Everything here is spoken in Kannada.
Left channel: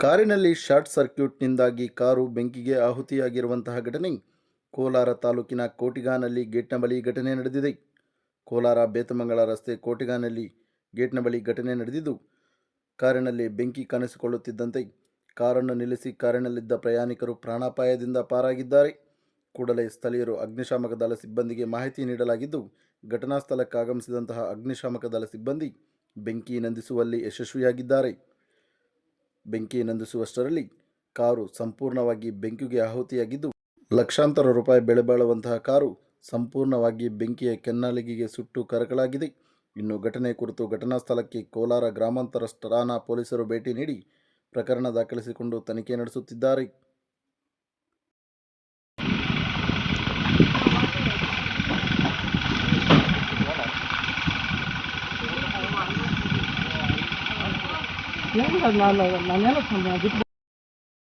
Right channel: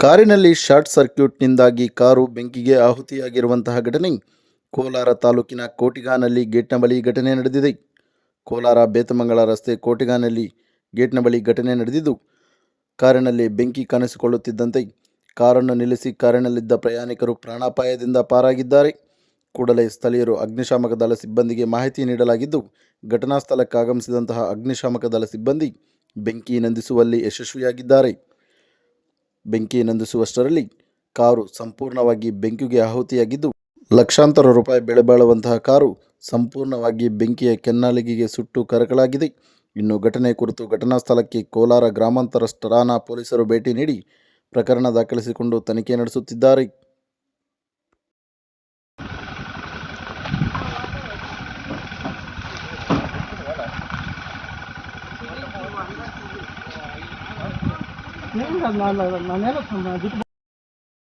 ಕಾರಿನಲ್ಲಿ ಶಾರ್ಟ್ ಸರ್ಕ್ಯೂಟ್ನಿಂದಾಗಿ ಕಾರು ಬೆಂಕಿಗೆ ಆಹುತಿಯಾಗಿರುವಂತಹ ಘಟನೆ. ಕೋಲಾರ ತಾಲೂಕಿನ ಕೋಟಿಗಾನಲ್ಲಿ ಗೇಟ್ನ ಬಳಿ ಘಟನೆ ನಡೆದಿದೆ. ಕೋಲಾರ ಬೇತಮಂಗಲ ರಸ್ತೆ ಕೋಟಿಗಾನಲ್ಲಿ ಗೇಟ್ನ ಬಳಿ ಘಟನೆ ನಡೆದಿದ್ದು, ಕಾರಿನಲ್ಲಿ ಬೆಂಕಿ ಕಾಣಿಸಿಕೊಳ್ಳುತ್ತಿದ್ದಂತೆ ಕಾರನ್ನು ನಿಲ್ಲಿಸಿ ಕಾರಿನಲ್ಲಿದ್ದ ಪ್ರಯಾಣಿಕರು ಪ್ರಾಣಾಪಾಯದಿಂದ ಪಾರಾಗಿದ್ದಾರೆ. ಕೂಡಲೇ ಸ್ಥಳೀಯರು ಅಗ್ನಿಶಾಮಕ ದಳ ಸಿಬ್ಬಂದಿಗೆ ಮಾಹಿತಿ ನೀಡಲಾಗಿದ್ದು, ಘಟನಾ ಸ್ಥಳಕ್ಕಾಗಮಿಸಿದಂತಹ ಅಗ್ನಿಶಾಮಕ ದಳ ಸಿಬ್ಬಂದಿ ಬೆಂಕಿ ನಂದಿಸುವಲ್ಲಿ ಯಶಸ್ವಿಯಾಗಿದ್ದಾರೆ. ಬೆಂಕಿ ನಂದಿಸುವಷ್ಟರಲ್ಲಿ ಕಾರು ಸಂಪೂರ್ಣವಾಗಿ ಬೆಂಕಿಗೆ ಆಹುತಿಯಾಗಿದ್ದು, ಲಕ್ಷಾಂತರ ರೂಪಾಯಿ ಬೆಳೆ ಬಾಳುವಂತಹ ಕಾರು ಸಂಪೂರ್ಣವಾಗಿ ಬೆಂಕಿಯ ಕೆನ್ನಾಲಿಗೆಗೆ ಸುಟ್ಟು ಕರಕಲಾಗಿದೆ. ಇನ್ನು ಘಟನೆ ಕುರಿತು ಘಟನಾ ಸ್ಥಳಕ್ಕೆ ಕೋಲಾರ ಗ್ರಾಮಾಂತರ ಠಾಣಾ ಪೊಲೀಸರು ಭೇಟಿ ನೀಡಿ ಪ್ರಕರಣ ದಾಖಲಿಸಿಕೊಂಡು ತನಿಖೆ ನಡೆಸುತ್ತಿದ್ದಾರೆ. ನಾನು ನಾನೇನು ಬಿಟ್ಟು